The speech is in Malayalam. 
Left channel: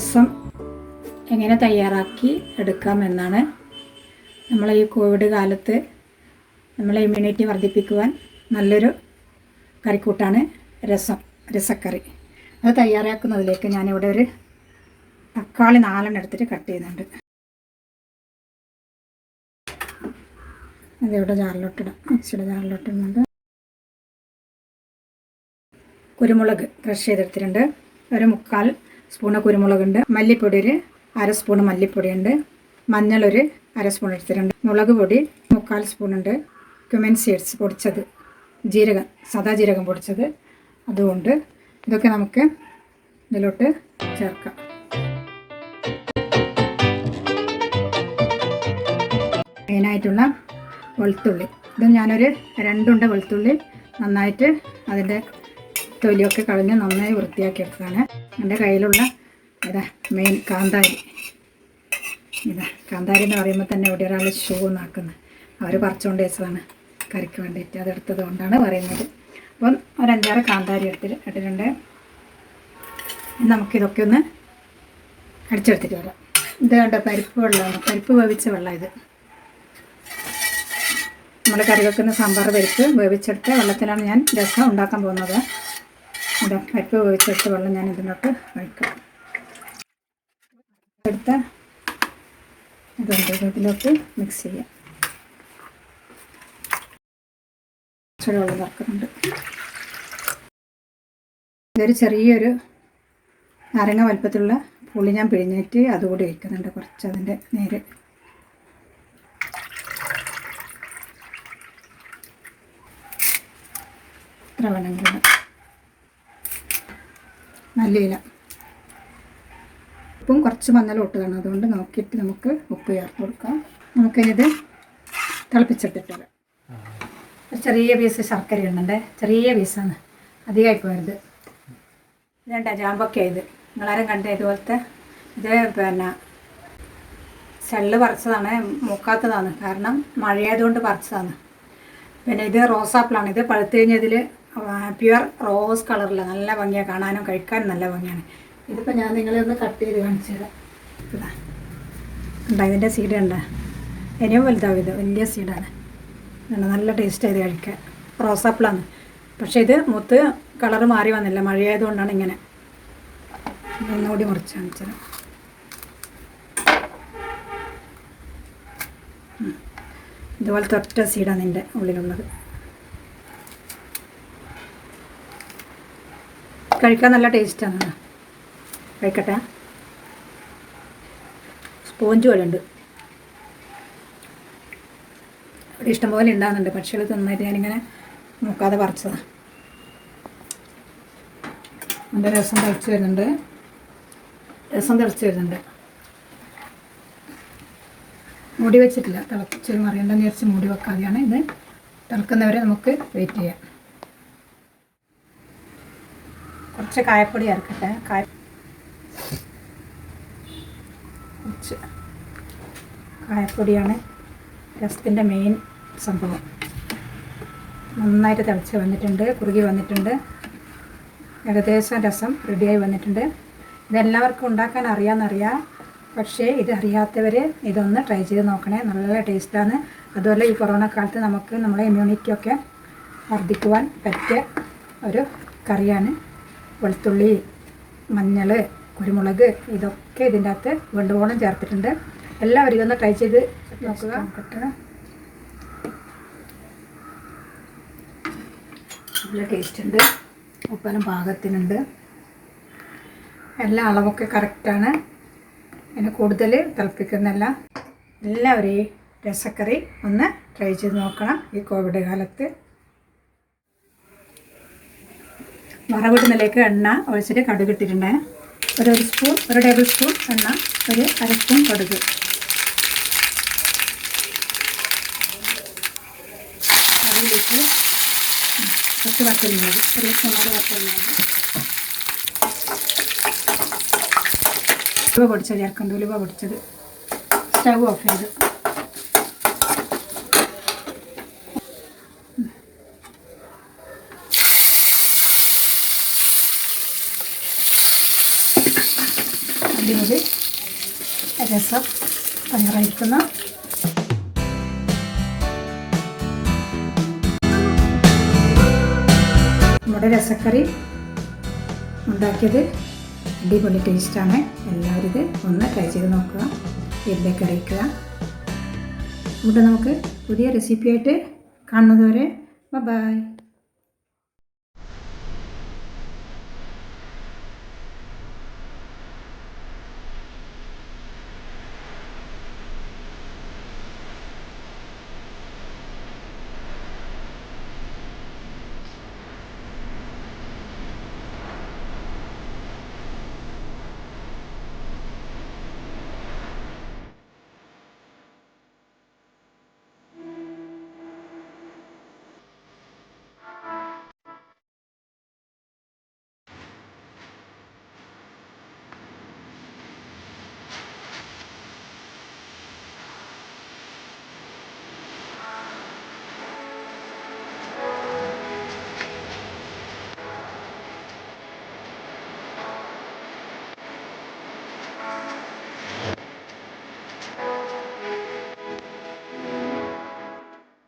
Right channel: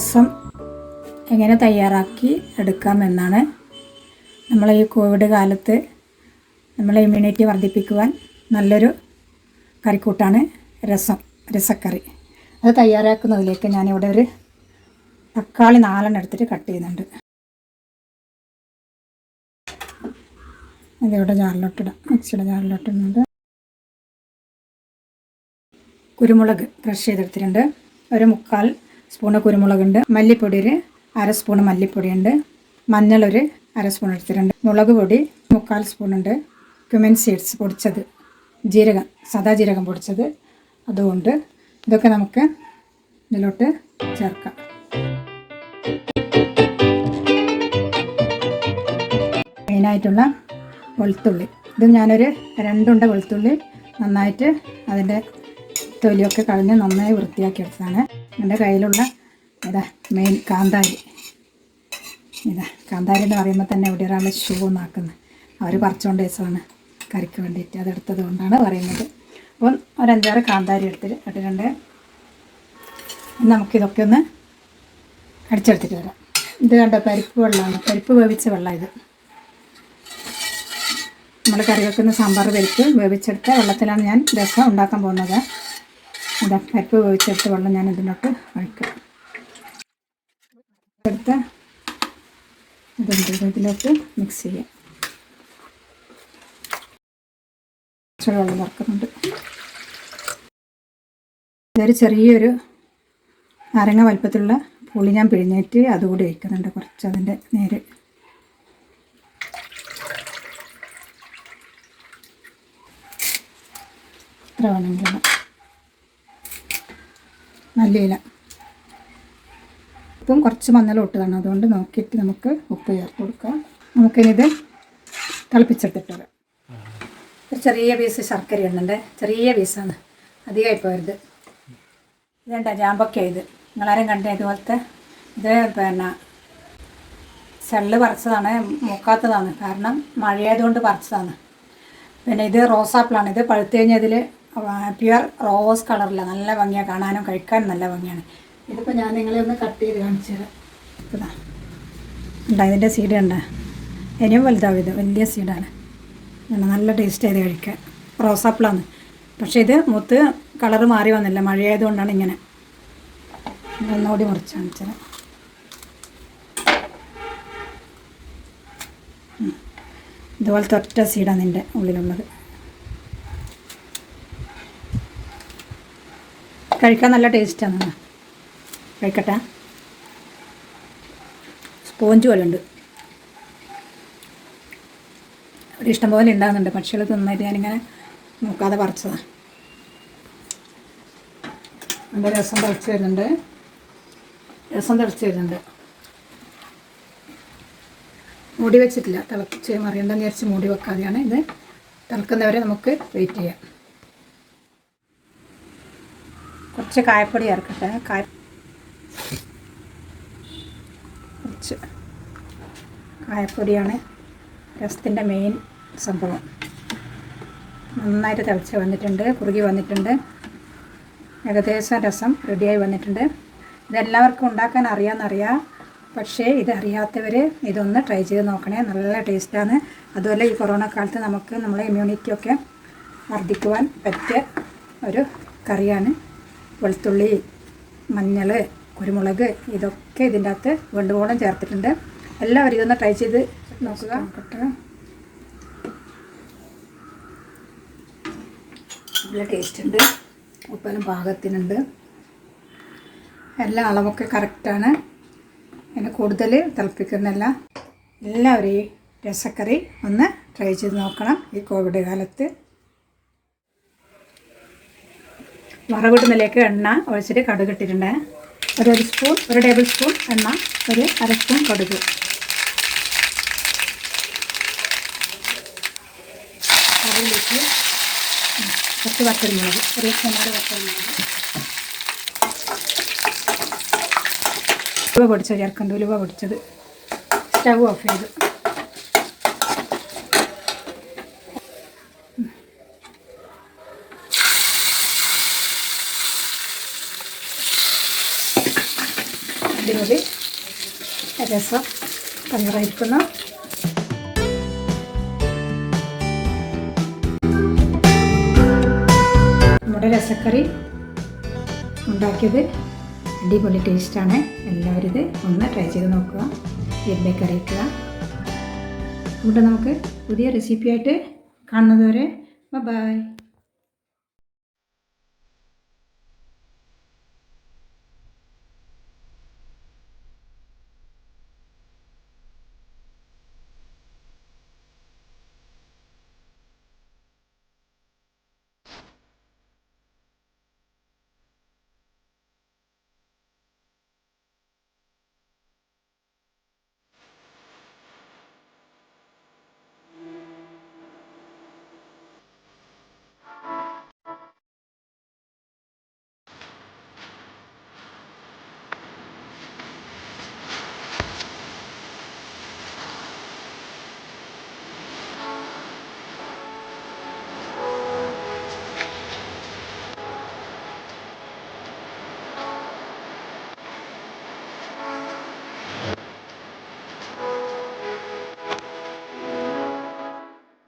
രസം എങ്ങനെ തയ്യാറാക്കി എടുക്കാമെന്നാണ്. നമ്മളെ ഈ കോവിഡ് കാലത്ത് നമ്മളെ ഇമ്മ്യൂണിറ്റി വർദ്ധിപ്പിക്കുവാൻ നല്ലൊരു കറിക്കൂട്ടാണ് രസക്കറി. അത് തയ്യാറാക്കുന്നതിലേക്ക് ഞാനിവിടെ ഒരു തക്കാളി 4 എടുത്തിട്ട് കട്ട് ചെയ്യുന്നുണ്ട്. അതിവിടെ ജാറിലോട്ടിടാം, മിക്സിയുടെ ജാറിലോട്ടിടുന്നുണ്ട്. കുരുമുളക് ക്രഷ് ചെയ്തെടുത്തിട്ടുണ്ട്. ഒരു 3/4 സ്പൂണ് കുരുമുളകുണ്ട്. മല്ലിപ്പൊടി ഒരു 1/2 സ്പൂണ് മല്ലിപ്പൊടിയുണ്ട്. മഞ്ഞൾ ഒരു 1/2 സ്പൂൺ എടുത്തിട്ടുണ്ട്. മുളക് പൊടി 3/4 സ്പൂണുണ്ട്. ക്യുമിൻ സീഡ്സ് പൊടിച്ചത്, ജീരകം, സാദാ ജീരകം പൊടിച്ചത് അതുകൊണ്ട് ഇതൊക്കെ നമുക്ക് ഇതിലോട്ട് ചേർക്കാം. മെയിനായിട്ടുള്ള വെളുത്തുള്ളി, ഇത് ഞാനൊരു 2 ഉണ്ട വെളുത്തുള്ളി നന്നായിട്ട് അതിൻ്റെ തൊലിയൊക്കെ കളഞ്ഞ് നന്നായി വൃത്തിയാക്കി എടുത്തതാണ്. എൻ്റെ കയ്യിലുള്ള മെയിൻ കാന്താരി. കാന്താരി എന്ന് പറയുമ്പോൾ തന്നെ ഇവിടെ ഒരാൾ ഷൂ നാക്കുന്നത്, അവർ പറിച്ചുകൊണ്ട് വെച്ചതാണ് കറിക്ക് വേണ്ടിയിട്ട്. അതെടുത്തത് കൊണ്ടാണ് പറയുന്നത്. അപ്പം ഒരു 5-6 കാന്താരി ഇട്ടിട്ടുണ്ട്. നമുക്കിതൊക്കെ ഒന്ന് അടിച്ചെടുത്തിട്ട് വരാം. ഇത് കണ്ട പരിപ്പ് വെള്ളമാണ്, പരിപ്പ് വേവിച്ച വെള്ളം. ഇത് നമ്മൾ കറി വെക്കുന്ന സാമ്പാർ പരിപ്പ് വേവിച്ചെടുത്ത വെള്ളത്തിലാണ് ഞാൻ രസം ഉണ്ടാക്കാൻ പോകുന്നത്. പരിപ്പ് വേവിച്ചെടുത്ത വെള്ളം ഞാൻ ഇതിനോട്ട് ഒഴിക്കും. എടുത്ത് ഇതിലോട്ട് മിക്സ് ചെയ്യാം. വെള്ളം ചേർക്കുന്നുണ്ട്. ഇതൊരു ചെറിയൊരു നാരങ്ങ വലുപ്പത്തിലുള്ള പുളി ഞാൻ പിഴിഞ്ഞിട്ട് അതുകൂടി വയ്ക്കുന്നുണ്ട്, കുറച്ച് അതിൻ്റെ നേര്. ഇത്ര വേണമെങ്കിലും നല്ല ഇല, ഉപ്പും കുറച്ച് മഞ്ഞളും ഇട്ടതാണ്, അതുകൊണ്ട് നോക്കിയിട്ട് നമുക്ക് ഉപ്പ് ചേർത്ത് കൊടുക്കാം. നമുക്കിനിത് തിളപ്പിച്ചെടുത്തിട്ട് വരാം. ഒരു ചെറിയ പീസ് ശർക്കര ഇടുന്നുണ്ട്, ചെറിയ പീസാണ്, അധികമായി പോയത്. ഇതെന്താ ജാമ്പൊക്കെ ഇത് നിങ്ങളാരും കണ്ടേ ഇതുപോലത്തെ. ഇത് ചെള്ള് പറിച്ചതാണ്, മുക്കാത്തതാണ്, കാരണം മഴയായതുകൊണ്ട് പറിച്ചതാണ്. പിന്നെ ഇത് റോസാപ്പിളാണ്. ഇത് പഴുത്ത് കഴിഞ്ഞാൽ ഇതിൽ പ്യുവർ റോസ് കളറില്ല, നല്ല ഭംഗിയാണ് കാണാനും കഴിക്കാനും നല്ല ഭംഗിയാണ്. ഇതിപ്പോൾ ഞാൻ നിങ്ങളൊന്ന് കട്ട് ചെയ്ത് കാണിച്ചു തരാം. ഉണ്ടാ ഇതിൻ്റെ സീഡ് ഉണ്ട്, ഇനിയും വലുതാവും. ഇത് വലിയ സീഡാണ്, നല്ല ടേസ്റ്റ് ആയത് കഴിക്കാൻ. റോസാപ്പിളാണ്, പക്ഷേ ഇത് മുത്ത് കളറ് മാറി വന്നില്ല, മഴയായതുകൊണ്ടാണ് ഇങ്ങനെ. ഒന്നുകൂടി മുറിച്ച് കാണിച്ചു തരാം. ഇതുപോലത്തെ ഒറ്റ സീഡാണ് ഇതിൻ്റെ ഉള്ളിലുള്ളത്. കഴിക്കാൻ നല്ല ടേസ്റ്റാണ്, കഴിക്കട്ടെ. സ്പോഞ്ച് പോലെ ഉണ്ട്. ഇവിടെ ഇഷ്ടംപോലെ ഉണ്ടാകുന്നുണ്ട്, പക്ഷികൾ തിന്നിട്ട് ഞാനിങ്ങനെ നോക്കാതെ പറിച്ചതാണ്. എൻ്റെ രസം തിളച്ച് വരുന്നുണ്ട്. മൂടി വെച്ചിട്ടില്ല, തിളച്ച് മറിയണ്ടെന്ന് വിചാരിച്ച് മൂടി വെക്കാതെയാണ്. ഇത് തിളക്കുന്നവരെ നമുക്ക് വെയിറ്റ് ചെയ്യാം. കുറച്ച് കായപ്പൊടി ചേർക്കട്ടെ. കുറച്ച് കായപ്പൊടിയാണ് രസത്തിൻ്റെ മെയിൻ സംഭവം. നന്നായിട്ട് തിളച്ച് വന്നിട്ടുണ്ട്, കുറുകി വന്നിട്ടുണ്ട്. ഏകദേശം രസം റെഡിയായി വന്നിട്ടുണ്ട്. ഇതെല്ലാവർക്കും ഉണ്ടാക്കാൻ അറിയാമെന്നറിയാം, പക്ഷേ ഇതറിയാത്തവർ ഇതൊന്ന് ട്രൈ ചെയ്ത് നോക്കണേ, നല്ല ടേസ്റ്റാണ്. അതുപോലെ ഈ കൊറോണ കാലത്ത് നമുക്ക് നമ്മളെ ഇമ്മ്യൂണിറ്റിയൊക്കെ വർദ്ധിക്കുവാൻ പറ്റിയ ഒരു കറിയാണ്. വെളുത്തുള്ളി, മഞ്ഞൾ, കുരുമുളക് ഇതൊക്കെ ഇതിൻ്റെ അകത്ത് വേണ്ടുവോളം ചേർത്തിട്ടുണ്ട്. എല്ലാവരും ഇതൊന്ന് ട്രൈ ചെയ്ത് നോക്കുക. നല്ല ടേസ്റ്റ് ഉണ്ട്, ഉപ്പെല്ലാം പാകത്തിനുണ്ട്, എല്ലാ അളവൊക്കെ കറക്റ്റാണ്. അതിന് കൂടുതൽ തിളപ്പിക്കുന്നില്ല. എല്ലാവരും ഈ രസക്കറി ഒന്ന് ട്രൈ ചെയ്ത് നോക്കണം ഈ കോവിഡ് കാലത്ത്. വറവിടുന്നതിലേക്ക് എണ്ണ ഒഴിച്ചിട്ട് കടുക് ഇട്ടിട്ടുണ്ട്. ഒരു ടേബിൾ സ്പൂൺ എണ്ണ, ഒരു 1/2 സ്പൂൺ കടുക്. അതിലേക്ക് കുറച്ച് വറ്റൽമുളക്, ഒരു സ്പൂണോട് വറ്റൽമുളക്. ഉലുവ പൊടിച്ചത് ചേർക്കുന്നുണ്ട്, ഉലുവ പൊടിച്ചത്. സ്റ്റവ് ഓഫ് ചെയ്ത് അടിപൊളി രസം തയ്യാറായിരിക്കുന്നു. നമ്മുടെ രസക്കറി ഉണ്ടാക്കിയത് അടിപൊളി ടേസ്റ്റാണ്. എല്ലാവരും ഇത് ഒന്ന് ട്രൈ ചെയ്ത് നോക്കുക, ഫീഡ്ബാക്ക് അറിയിക്കുക. എന്നിട്ട് നമുക്ക് പുതിയ റെസിപ്പിയായിട്ട് കാണുന്നത് വരെ ബൈ.